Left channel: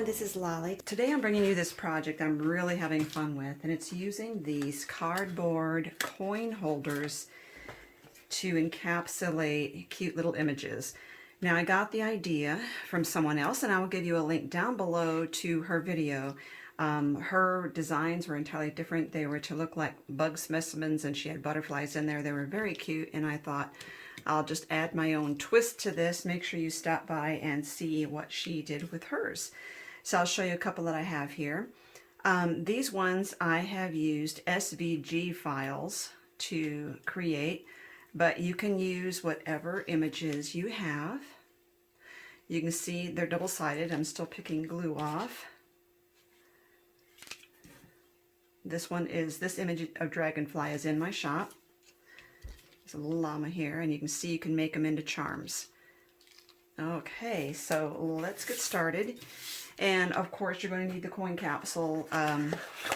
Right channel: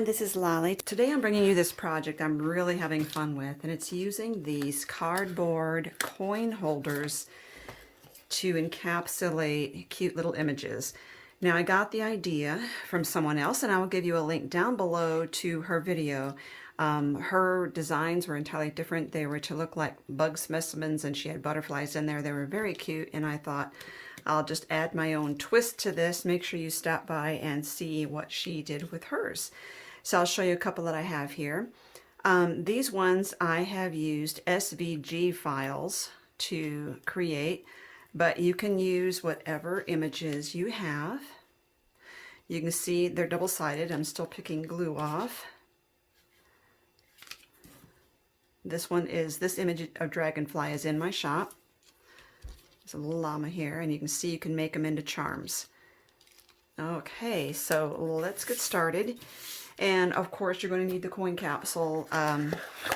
everyone, this is Lolly. Today I'm bringing you this project I'm really having fun with, and it's using these cardboard coin holders to encapsulate cute little images. Now I got the idea from someone else, and I will give you a link down below to her video. Her designs were entirely different. They were to look like bug specimens, and she had butterflies in there. They were very cute, and I thought I'll just add my own twist to this. Make sure you stop by and see what she did with hers. So I'll show you a couple that I have here. These ones I have used SVG files to create, but you can use whatever images you have. You can see they're double-sided. I'm still picking glue off. This image of dragonfly is in my shop. There's a little llama here, and you can see you can make them into charms. Okay, so let's get started. And of course, you're going to need the coin capsule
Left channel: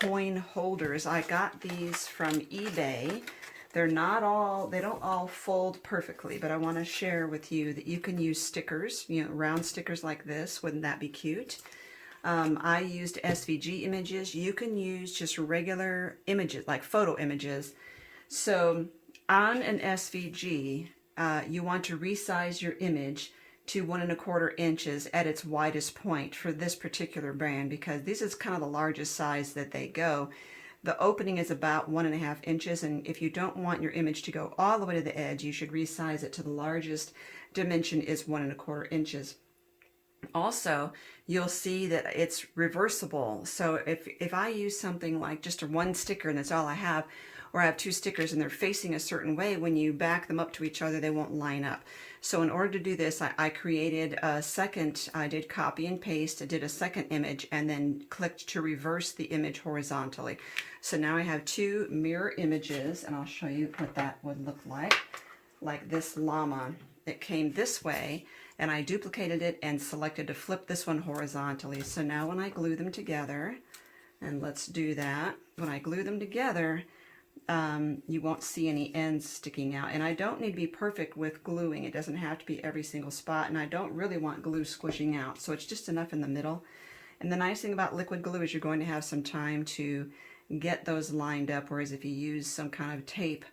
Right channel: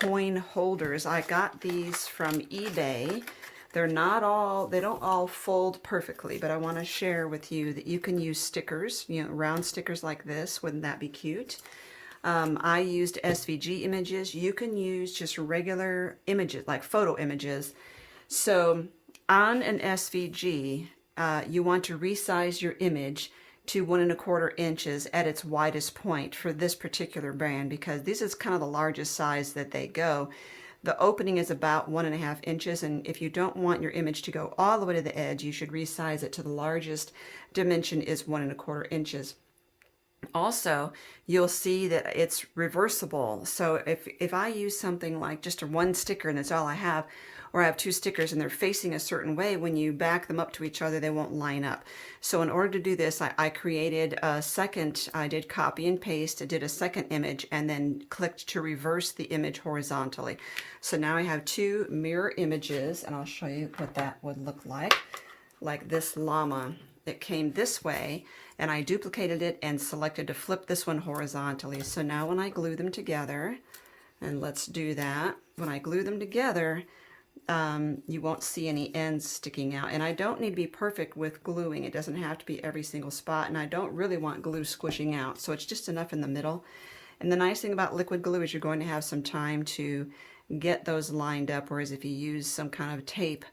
coin holders. I got these from eBay. They don't all fold perfectly, but I want to share with you that you can use stickers, round stickers like this. Wouldn't that be cute? I used SVG images. You can use just regular images, like photo images. So on an SVG, you want to resize your image to 1 1/4 inches at its widest point for this particular brand, because this is kind of the largest size that they go. The opening is about 1 1/2 inches, and if you don't want your image to go all the way to the edge, you should resize it to the largest dimension is 1 1/4 inches. Also, you'll see that it's reversible. So if I use something like just one sticker and that's all I have, or I have 2 stickers and they're facing a certain way, when you back them up to each other, they won't line up. So in order to do this, I created a second, I did copy and paste, I did a second image, and then clicked to reverse the image horizontally. So now I have 2 mirror images, and I'll show you what that would look like. Like this llama, it came this way, and I duplicated it and selected to flip this one horizontally. So now when I glue them together, and let's do that, when I glue them together, you won't see any ends sticking out. And I don't need to be perfect with gluing. It doesn't have to be every single spot, and I don't really want glue squishing out, so it's just enough in the middle. And the nice thing about liquid glue is you're going to have some time to get those lined up, whereas if you use some kind of tape,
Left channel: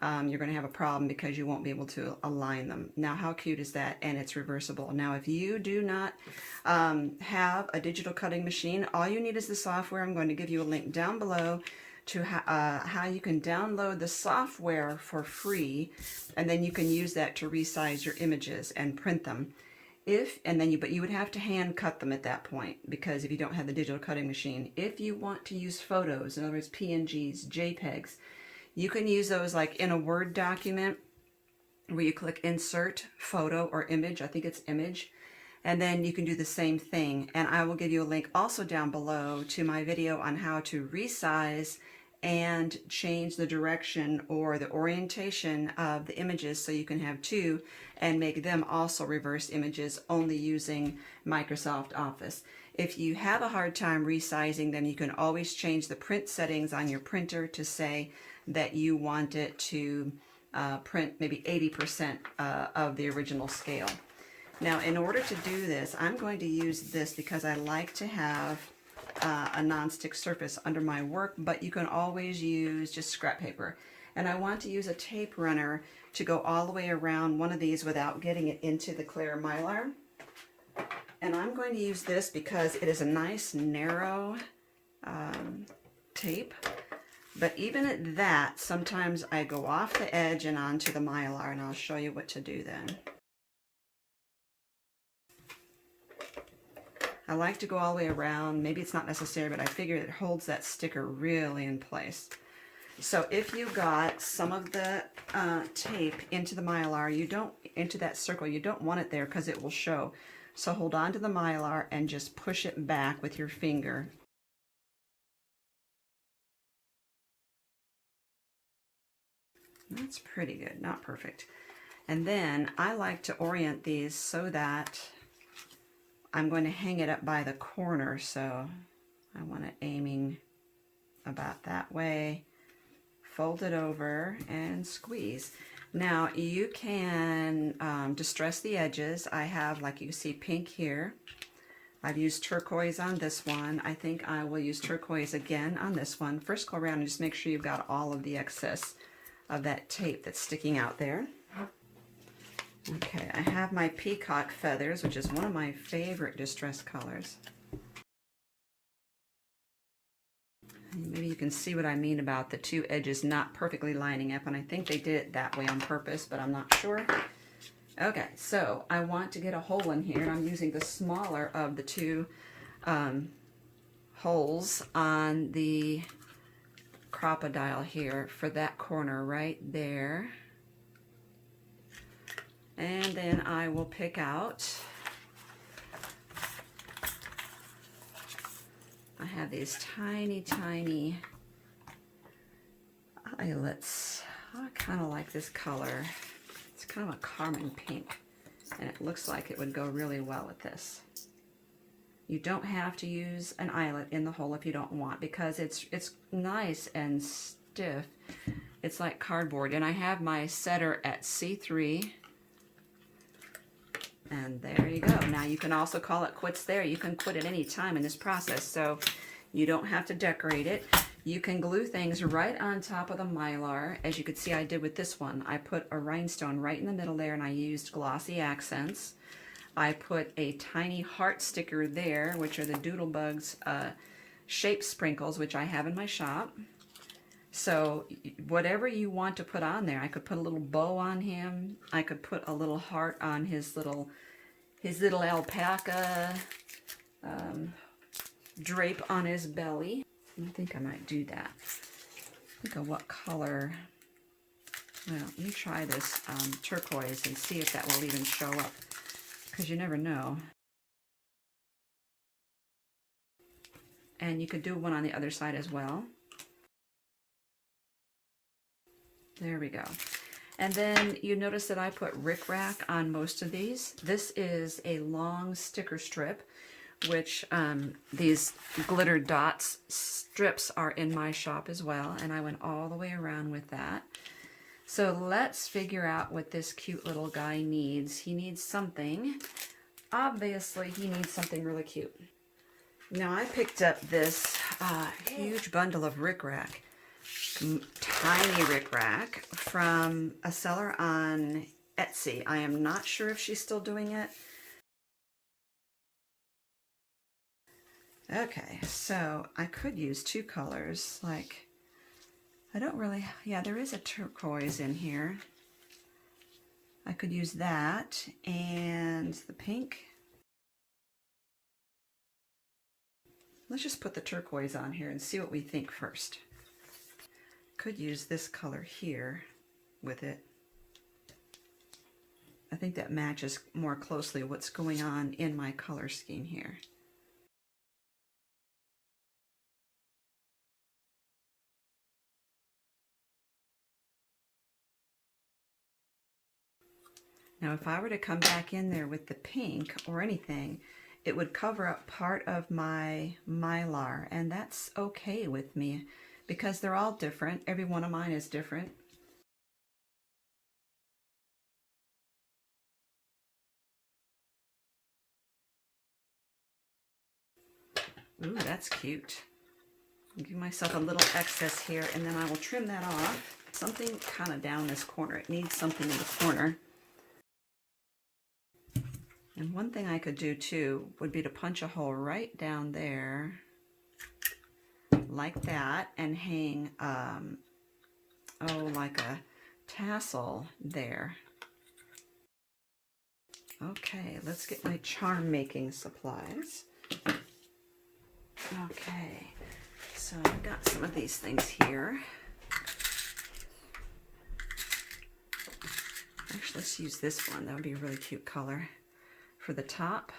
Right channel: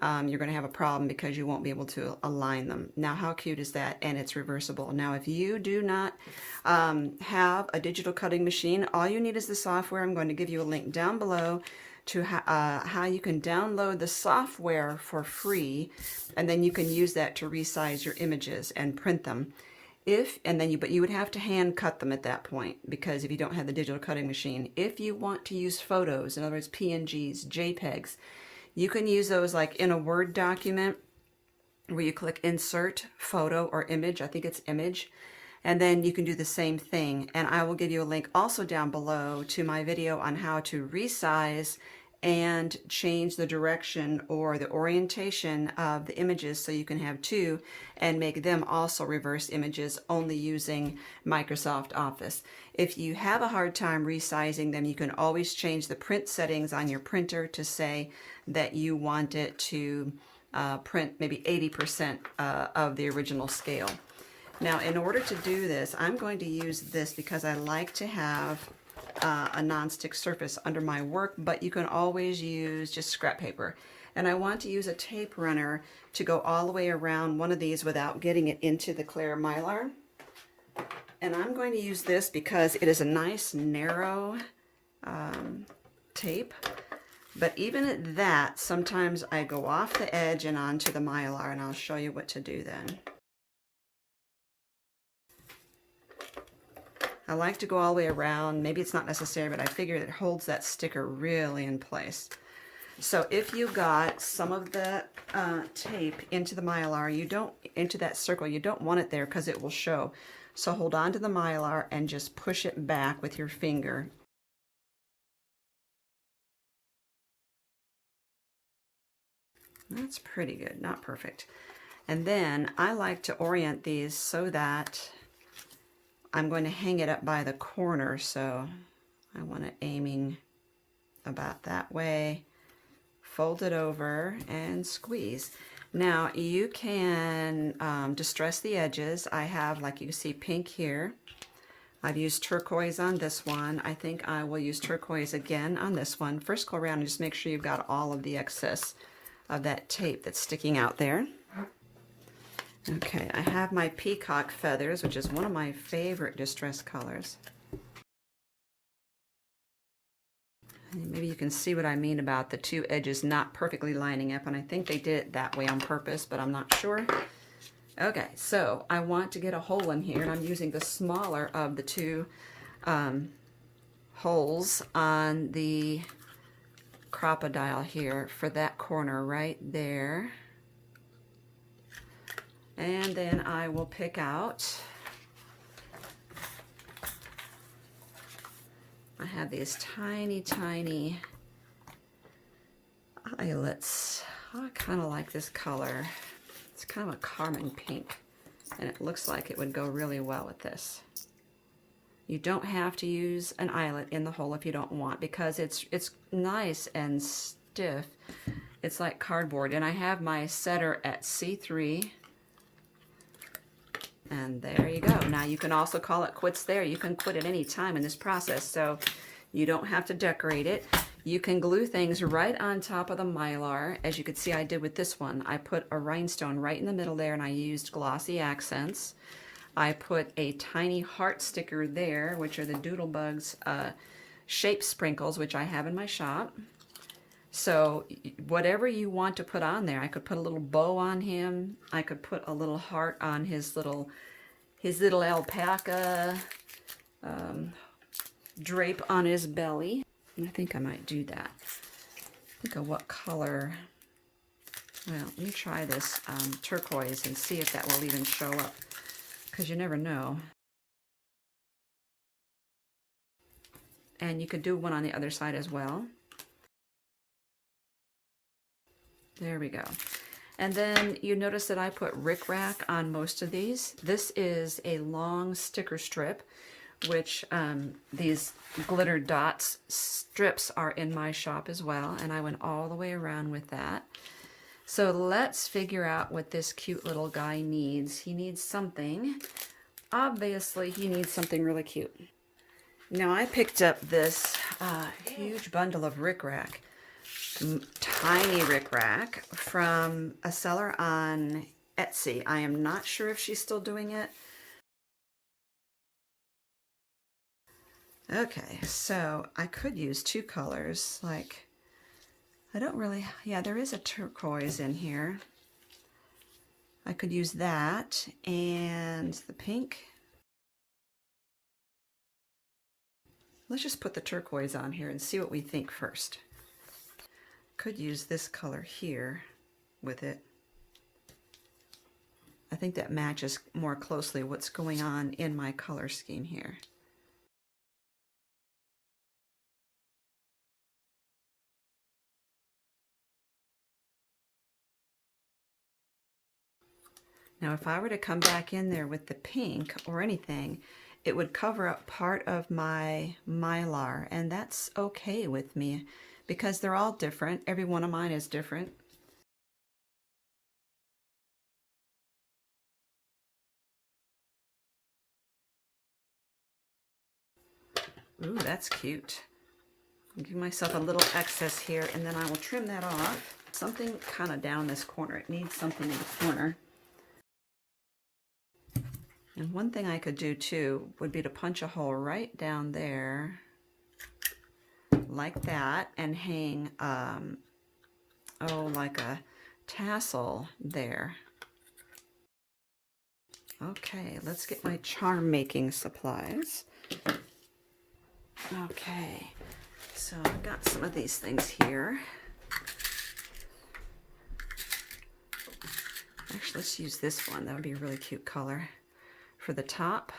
you're going to have a problem because you won't be able to align them. Now, how cute is that? And it's reversible. Now, if you do not have a digital cutting machine, all you need is the software. I'm going to give you a link down below to how you can download the software for free, and then you can use that to resize your images and print them. But you would have to hand cut them at that point, because if you don't have the digital cutting machine. If you want to use photos, in other words, PNGs, JPEGs, you can use those like in a Word document where you click Insert, Photo, or Image. I think it's Image. And then you can do the same thing. And I will give you a link also down below to my video on how to resize and change the direction or the orientation of the images so you can have 2 and make them also reverse images only using Microsoft Office. If you have a hard time resizing them, you can always change the print settings on your printer to say that you want it to print maybe 80% of the original scale. Now, in order to do this, I'm going to use this because I like to have a non-stick surface under my work, but you can always use just scrap paper. And I want to use a tape runner to go all the way around one of these without getting it into the clear mylar. And I'm going to use this because it is a nice narrow tape. But even at that, sometimes I go off the edge and onto the mylar, and I'll show you what to do then. I like to go all the way around. Maybe it's not necessary, but I figure it holds that sticker really in place. So if you got some of the tape into the mylar, into that circle, you don't want it there because it will show. So hold on to the mylar and just push it back with your finger. That's pretty good, not perfect. And then I like to orient these so that I'm going to hang it up by the corner, so I want it aiming about that way. Fold it over and squeeze. Now you can distress the edges. I have, like you see, pink here. I've used turquoise on this one. I think I will use turquoise again on this one. First go around and just make sure you've got all of the excess of that tape that's sticking out there. Okay, I have my peacock feathers, which is one of my favorite distress colors. And maybe you can see what I mean about the two edges not perfectly lining up, and I think they did it that way on purpose, but I'm not sure. Okay, so I want to get a hole in here, and I'm using the smaller of the two holes on the crocodile here for that corner right there. And then I will pick out, I have these tiny, tiny eyelets. I kind of like this color. It's kind of a carmine pink, and it looks like it would go really well with this. You don't have to use an eyelet in the hole if you don't want, because it's nice and stiff. It's like cardboard, and I have my setter at C3. And there you go. Now you can also call it quits there. You can quit at any time in this process, so you don't have to decorate it. You can glue things right on top of the Mylar. As you can see I did with this one. I put a rhinestone right in the middle there, and I used glossy accents. I put a tiny heart sticker there, which are the Doodlebugs shape sprinkles, which I have in my shop. So whatever you want to put on there, I could put a little bow on him. I could put a little heart on his little alpaca drape on his belly. I think I might do that. Think of what color. Well, let me try this turquoise and see if that will even show up, because you never know. And you could do one on the other side as well. There we go. And then you notice that I put rickrack on most of these. This is a long sticker strip, which these glitter dots strips are in my shop as well, and I went all the way around with that. So let's figure out what this cute little guy needs. He needs something. Obviously, he needs something really cute. Now I picked up this huge bundle of rickrack. Tiny rickrack from a seller on Etsy. I am not sure if she's still doing it. Okay, so I could use two colors, like, I don't really, yeah, there is a turquoise in here. I could use that and the pink. Let's just put the turquoise on here and see what we think first. Could use this color here with it. I think that matches more closely what's going on in my color scheme here. Now if I were to come back in there with the pink or anything, it would cover up part of my Mylar, and that's okay with me, because they're all different. Every one of mine is different. Ooh, that's cute. I'll give myself a little excess here, and then I will trim that off. Something kind of down this corner. It needs something in the corner. And one thing I could do too would be to punch a hole right down there, like that, and hang, like a tassel there. Okay, let's get my charm making supplies. Okay, so I've got some of these things here. Actually, let's use this one. That would be a really cute color. For the top,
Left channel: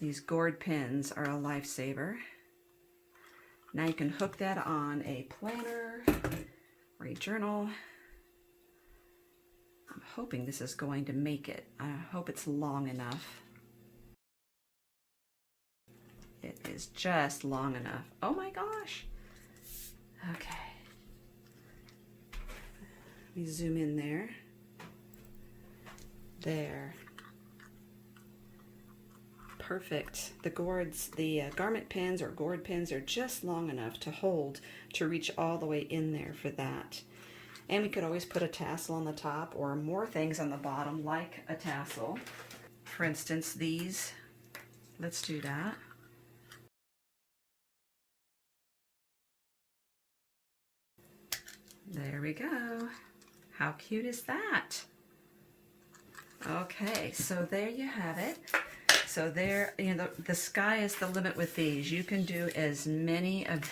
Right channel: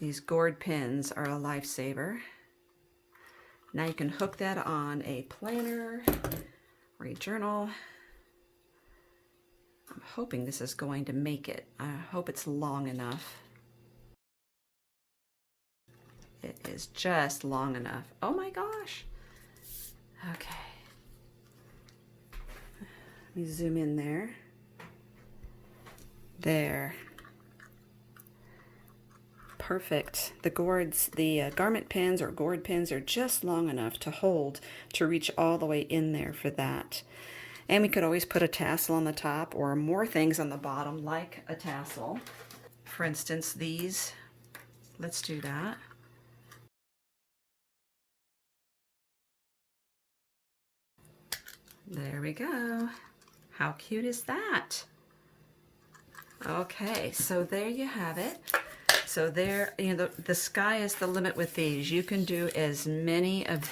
these gourd pins are a lifesaver. Now you can hook that on a planner or a journal. I'm hoping this is going to make it. I hope it's long enough. It is just long enough. Oh my gosh. Okay. Let me zoom in there. There. perfect. The gourds, the garment pins or gourd pins are just long enough to hold, to reach all the way in there for that. And we could always put a tassel on the top or more things on the bottom like a tassel. For instance, these, let's do that. There we go. How cute is that? Okay, so there you have it. So there, the sky is the limit with these. You can do as many of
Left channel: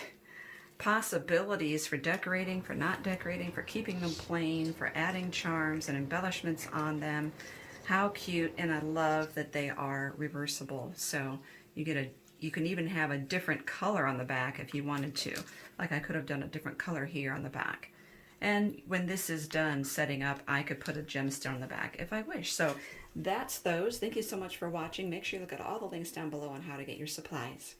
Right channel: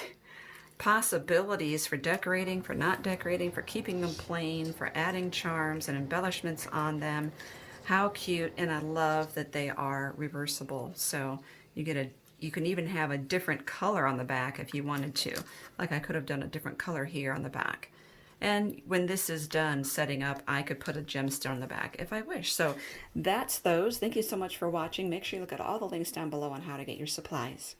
possibilities for decorating, for not decorating, for keeping them plain, for adding charms and embellishments on them. How cute, and I love that they are reversible. So you can even have a different color on the back if you wanted to. Like I could have done a different color here on the back. And when this is done setting up, I could put a gemstone on the back if I wish. So that's those. Thank you so much for watching. Make sure you look at all the links down below on how to get your supplies.